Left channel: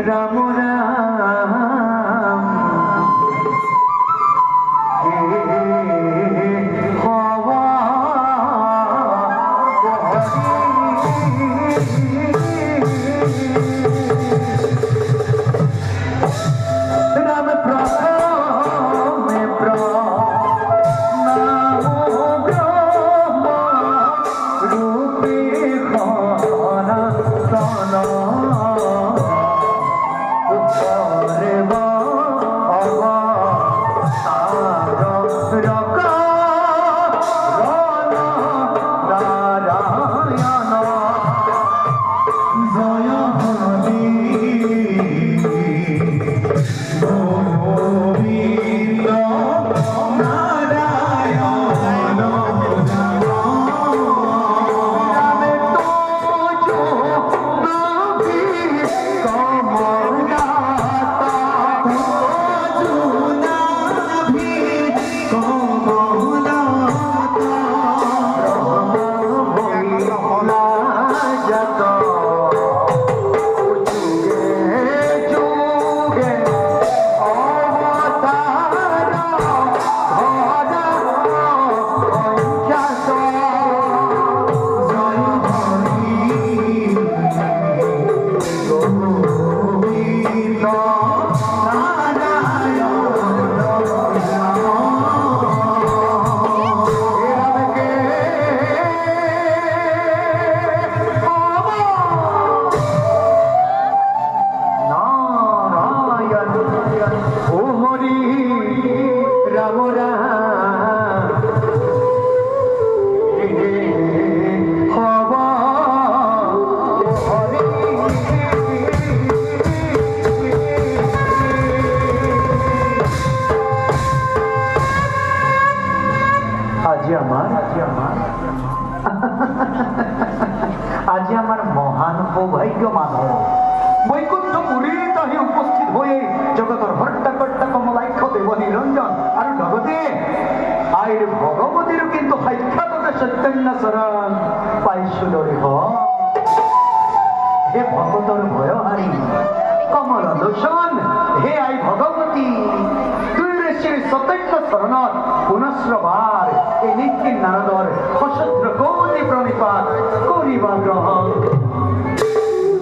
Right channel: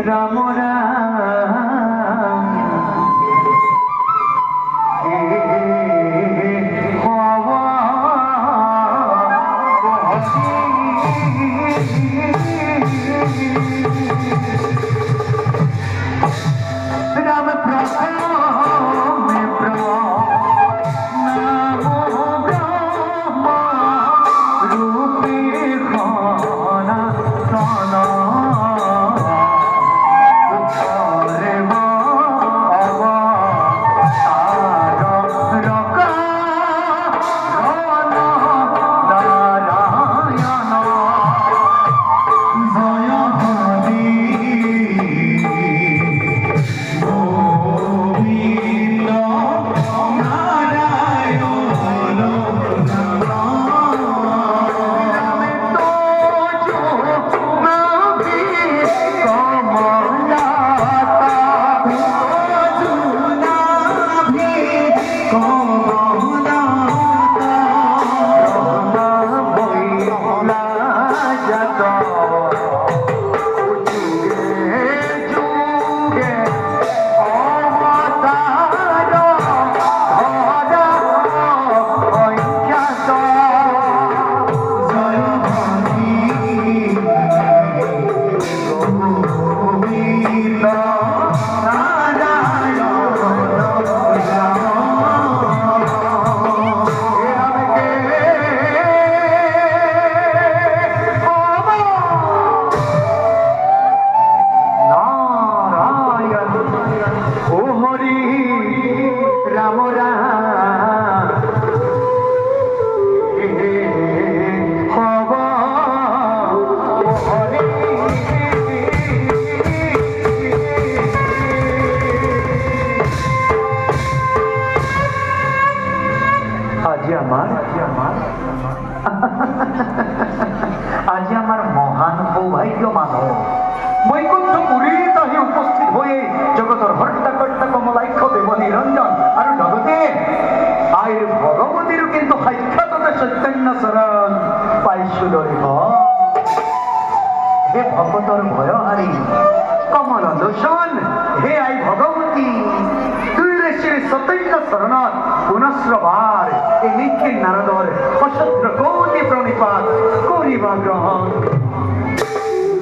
রাম রাম হওয়া রাম প্রথমে প্রণাম ব্রহ্মা রূপে খনা খনা উত্তরে বাবা তার রক রণ নারায়ণ জয় হরি গোবিন্দ নারায়ণ আজি আমার মহান সৌভাগ্য মানব বৈকুণ্ঠপুরী তাহি উপস্থিত হয়ে জগতর হর্তাকর্তা কমলাক্ষ দেব নিরঞ্জন আর জগতে আয়ের ভগবতীর কিন্তু সাক্ষাৎ সত্যন্য শরণ পাইছো দরিব হে ভগতর ভয়হারী কমল লোচন হে আই ভগবতী তুই রে শ্রী সত্যন্য শরণত পুনঃশ্রবার এই নিত্যি নারদর অসভ্র কোটি প্রণিপাত করিবা গ্রহণ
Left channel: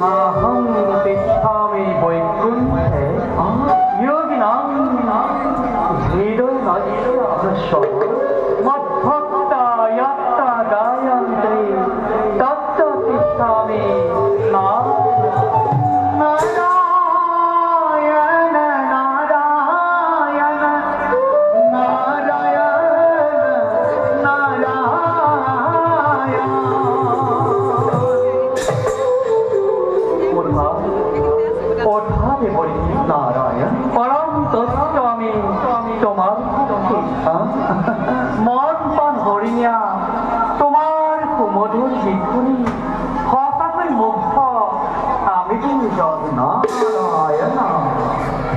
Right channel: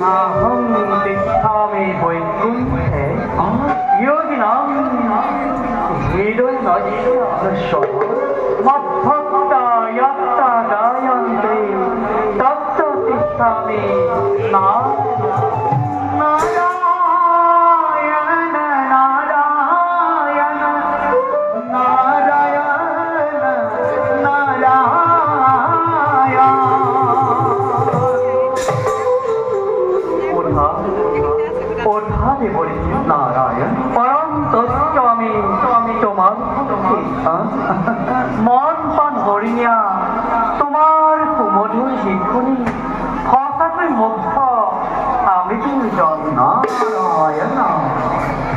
মাহং তিষ্ঠামি বৈকুণ্ঠে যোগিনাং হৃদয় নশ্য মদ্ভক্তা ইয়াত্রা গায়ন্তে তত্ত্ব তিষ্ঠামি নারায়ণ পরম তত্ত্ব আমি তোমার মন পান হরিয়া তোমার সুমধুর শিখুনি সঁচাকৈ মুগ্ধ আমি তুমি নারায়ণ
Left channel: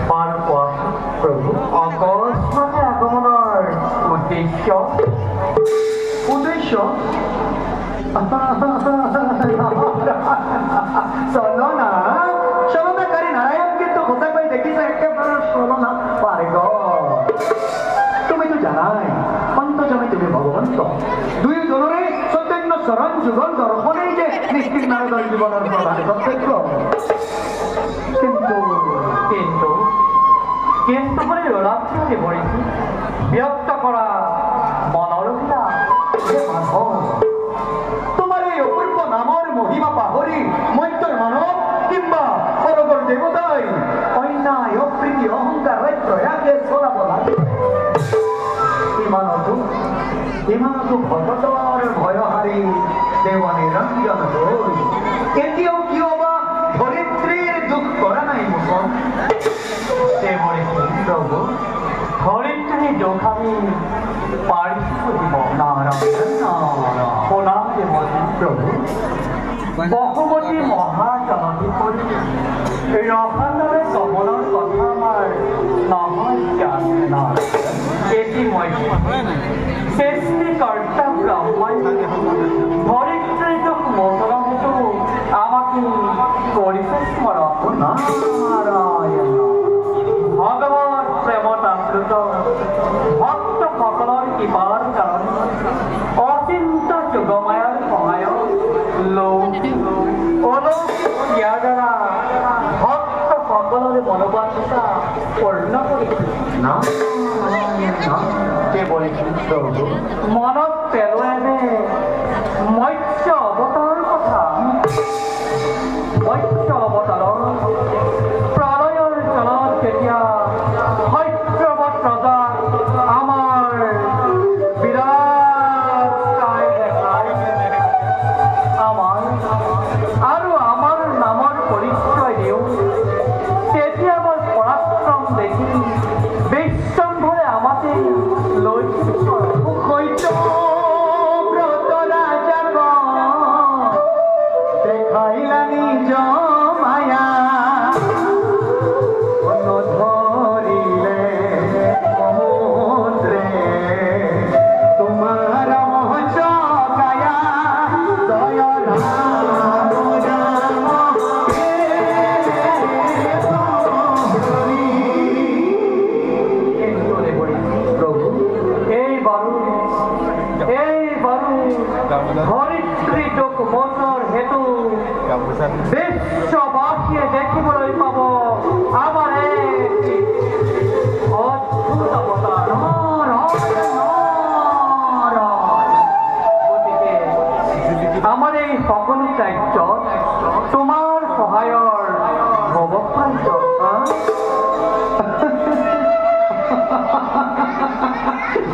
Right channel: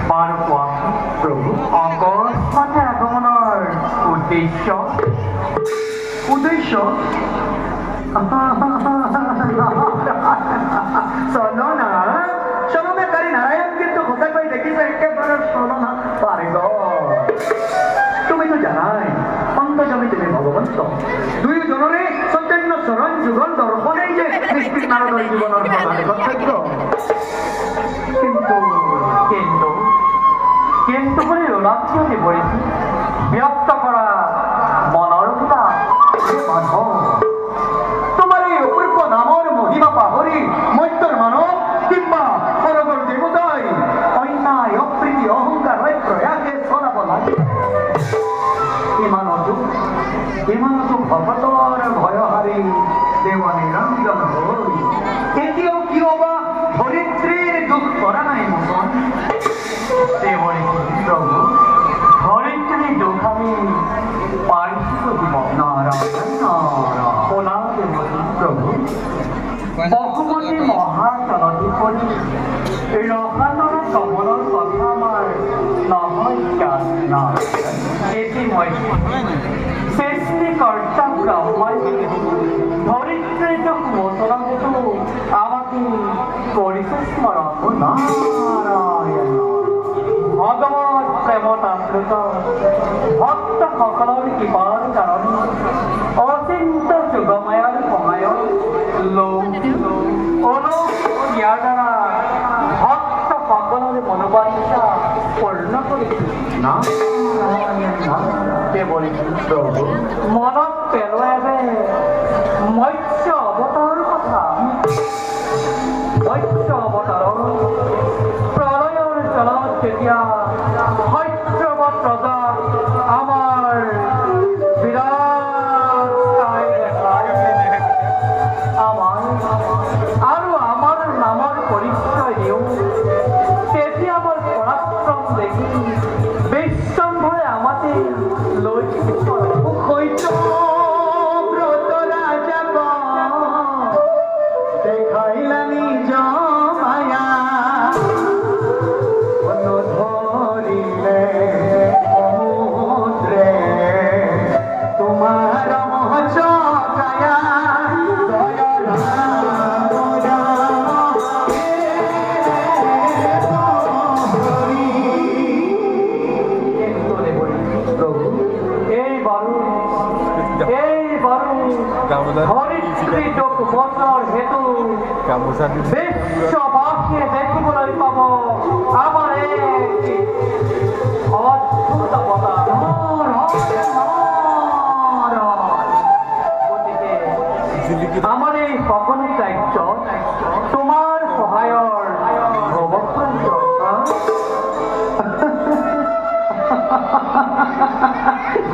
পাৰ পোৱা প্ৰভু অকস্মাতে আগমনৰ উদ্দেশ্য চলনা তুমি তো জানাই অন্তজমে তুমি ভগবন্ত দুই জনরে চৈতন্য চরণ যুগল দর্শনেই যে নিষ্ঠিক নারদর জীবনের প্রধান কর্তব্য কিন্তু কিন্তু কিন্তু বলে রাজ্যে ভরেছি ব্যক্ত করা মনৰ পিতা মাধৱ তোমাৰ এই অপূৰ্ব নামৰ মহিমা পাহৰি মত্যৰ মানৱ কিংবা সৰগৰ দেৱতাই অন্যায় অপ্ৰীতি অহংকাৰ প্ৰয়াসে চলাব লাগে ইমানতো ভগতৰ ভয়হাৰী দেৱ নিৰঞ্জন হৈ কেতিয়াও কিয় বা ধৰিত্ৰীৰ দুখ কৰা নাই মোচন দেৱৰে প্ৰভু ধৰিত্ৰীৰ দুখ আমি পাৰিছো দিব নাৰায়ণ শুনা দেৱৰী প্ৰভু বহুমতী মহাজনতী কৰি ৰসানৰে কমলৰ কথা আমাৰ নহয় জ্ঞান নাই এটি মই সৃষ্টিকৰ্তা ব্ৰহ্মাই ধৰিত্ৰীৰ দুখ মোচন হেতু আমাক কৰিছে স্মৰণ না কে বলেছেন প্ৰভু? মনত পেলোৱাবে মৎস্য অৱতাৰৰ কথা। মৎস্য অৱতাৰৰ প্ৰলয়ৰ জলত যেতিয়া সত্যৱত ৰজা আমাৰ বিৰাট কায় দেখাই আমাৰ আৰু আমাৰ নামৰ পৰিচয় দিওঁ, তেতিয়া মোৰ পৰাক্ৰম দেখি বিশ্বম্ভৰে আমাকে লৈ হয়তো ব্ৰত ৰাজা দেখাইলা নিজ মায়া ধৰিলে সমুদ্ৰে তোমাৰ মহসকায়া দয়াল প্ৰভু ধৰিত্ৰী যোগ বছৰ হেতু বিশ্ববাসীয়ে দেখিবলৈ পাব আমাৰ এক অদ্ভুত অৱতাৰ। গতিকে আমাৰ এই সকলো কাৰ্যত তোমাৰ সহায়ৰ অৱসৰ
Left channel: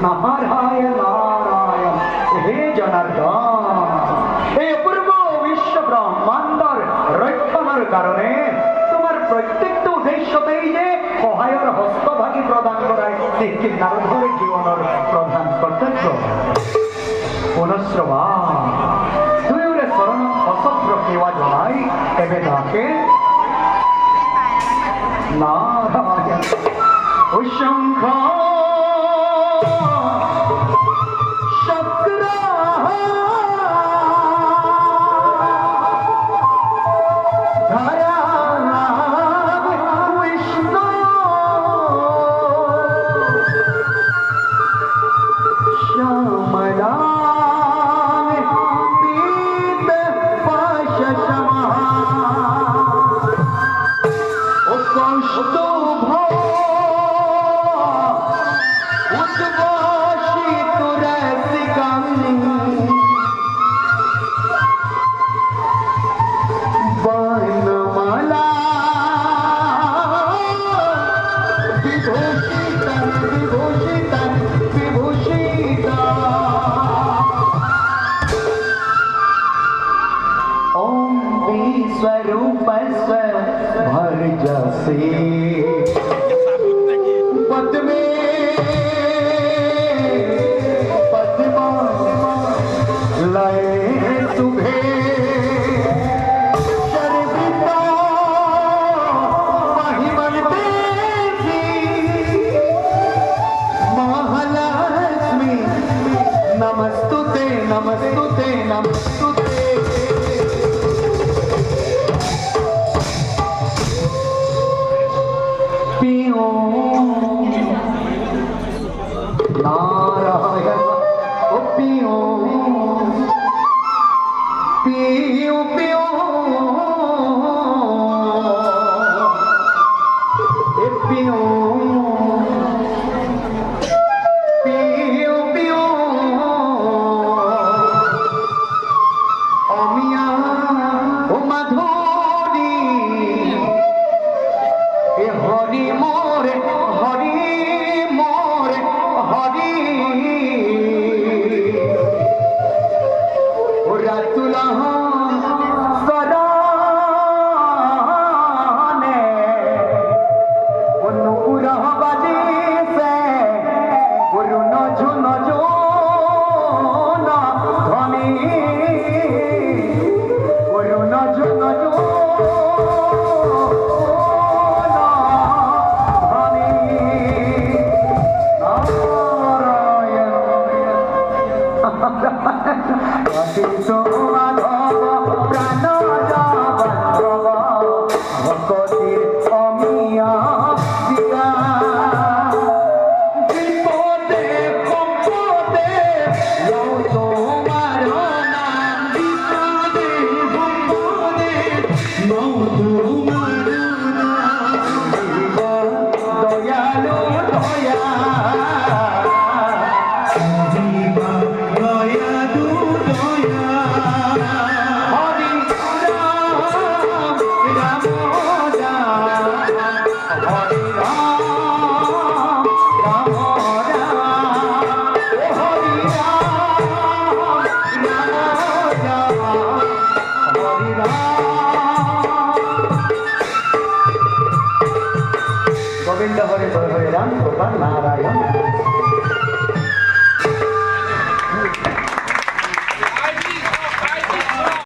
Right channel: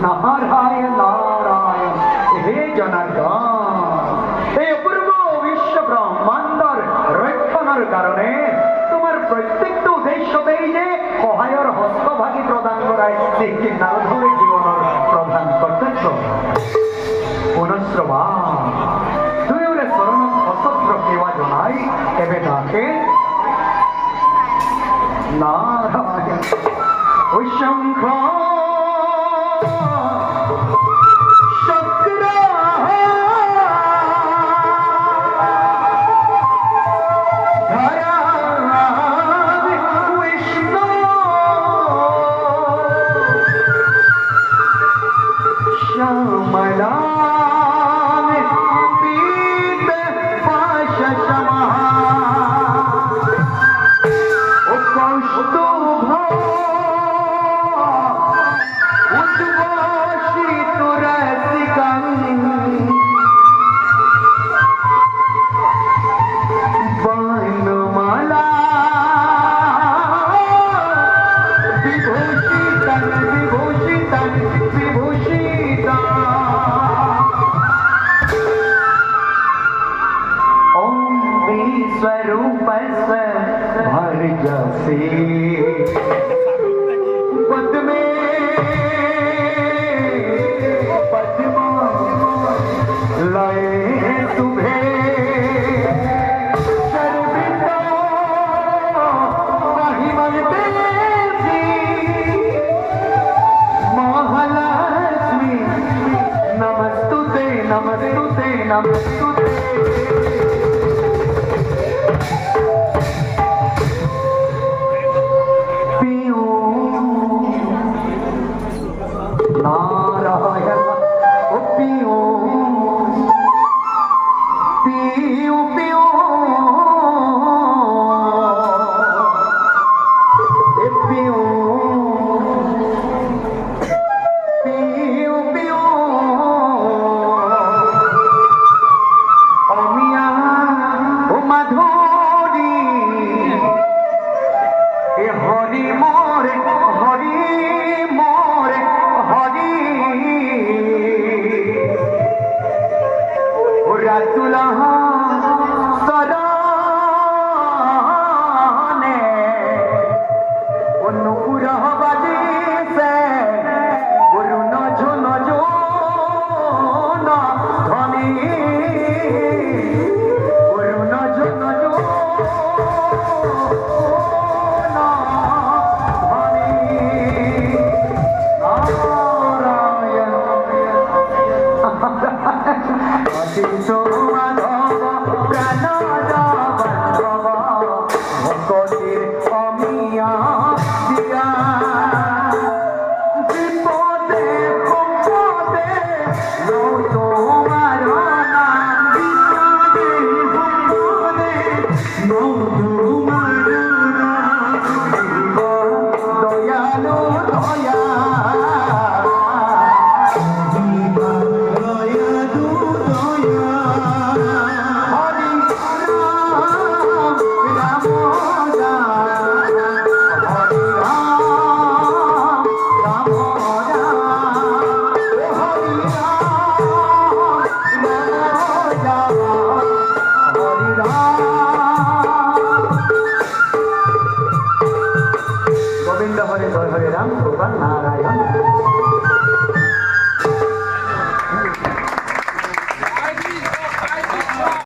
নাৰায়ণ নাৰায়ণ হে জনাৰ্দন, এই অপূৰ্ব বিশ্ব ব্ৰহ্মাণ্ডৰ ৰক্ষণৰ কাৰণে তোমাৰ প্ৰত্যেকটো উদ্দেশ্যতেই যে সহায়ৰ হস্তভাগী প্ৰদান কৰাই নিশ্চিত নাৰদৰে জীৱনৰ প্ৰধান কৰ্তব্য। পুনশ্ৰৱা দুয়োৰে চৰণত অচত্ৰ সেৱা জনাই এবে তাকে নারায়ণ শঙ্খ स्वरूप भर जसे पद में पद्मा लय तुम्हें सर्विता महिमन देवी महालक्ष्मी नमस्तुते नमस्तुते नमस्तुते। ভকতির অমিয়া